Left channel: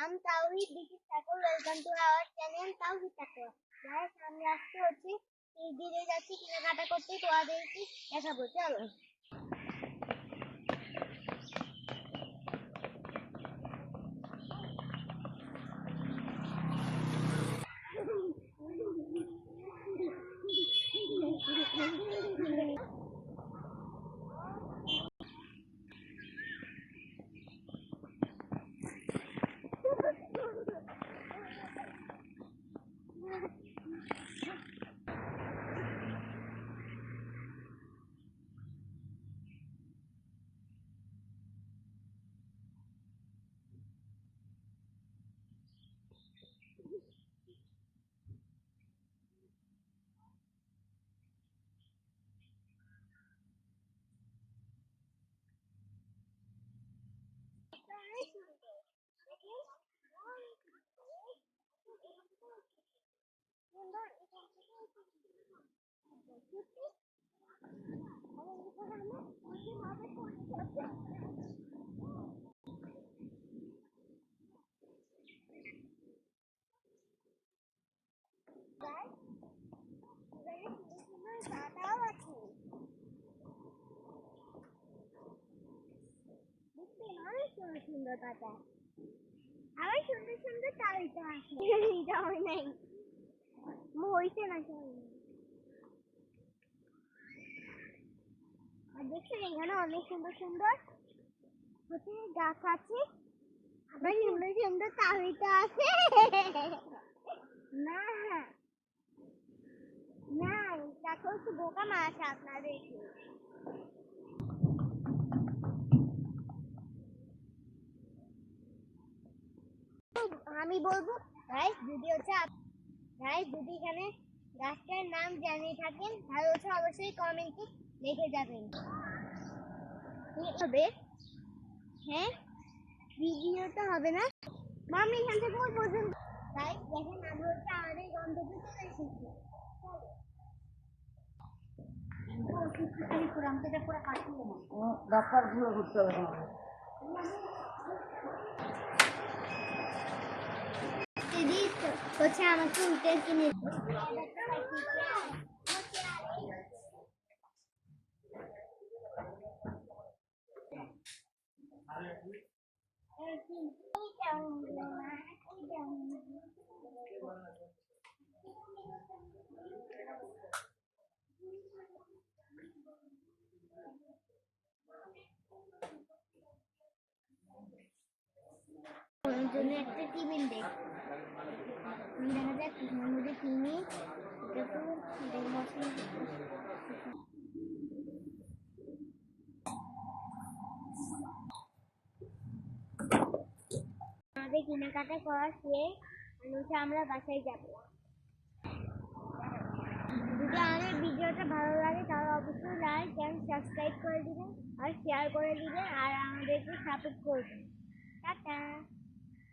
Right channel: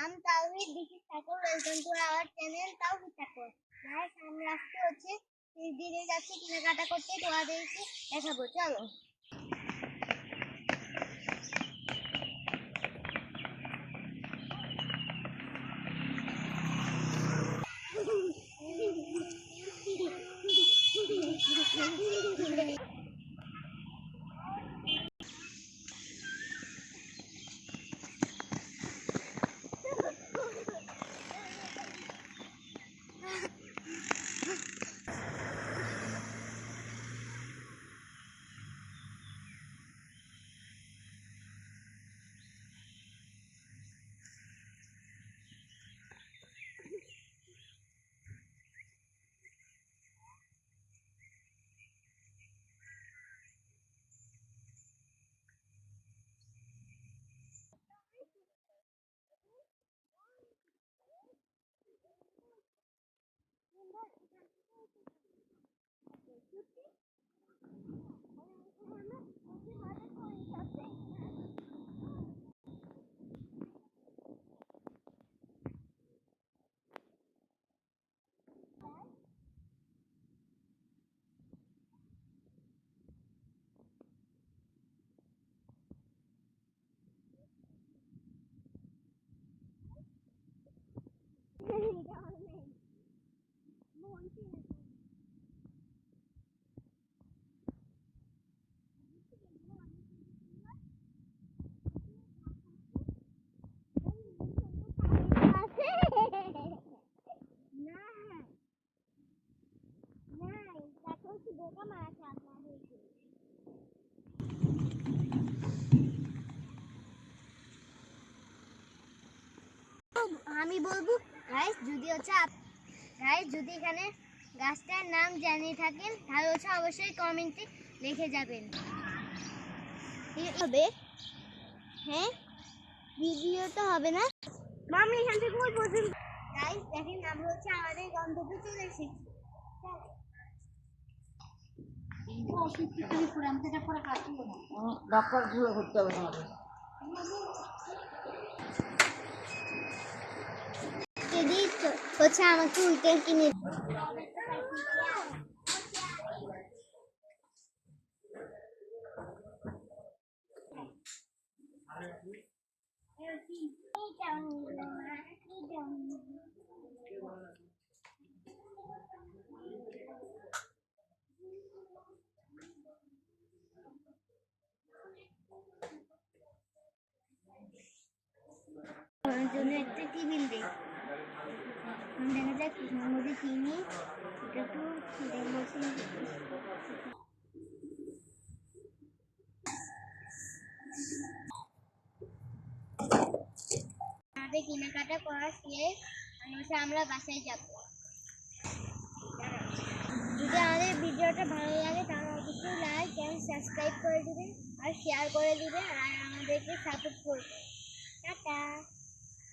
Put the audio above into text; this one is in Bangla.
I'm Tawhid. This is Thakur. Welcome to our channel Tawhid Thakur. Guys, আমরা আজকে হচ্ছে ধীরে যাচ্ছি কেনাকাটা করতে, তোমাদেরকে দেখাবো। চলো। সুন্দর পাতা আবার সুন্দর সুন্দর তালিকা আছে যাওয়াই নাই হইছে না আর দেখছেন এখানে অনেক সুন্দর সুন্দর হচ্ছে গাছ আছে আবার সুন্দর সুন্দর তালিকা আছে না না দেখো একটু বোকা মাছ আপনাদেরকে আমি বলবো গাইস যদি এখানে গাছটার নাম জেনে থাকেন তাহলে হচ্ছে অবশ্যই কমেন্টে লিখে যাবেন হবে হ্যাঁ ভিডিও তো হবে না মামি এখান থেকে ওই পর্যন্ত গাইস দেখেন আমরা হচ্ছে আমাদের গন্তব্যে চলে এসেছি ডক্টর গুলো ঘুরতে হবে তোমাদের হচ্ছে আমাকে উল্টে কিনে জন্য একটা টেবিল দেয় দেখা যায় কিসের মধ্যে চিনি একটু আমাদের কেনাকাটা করা শেষ আমরা বাসায় যাব যদি আমাদের ভিডিওটা ভালো লাগে তাহলে অবশ্যই লাইক এন্ড সাবস্ক্রাইব করে দিবেন আর শেয়ার করে দিবেন আর আমাদেরকে সাপোর্ট করবেন টাটা।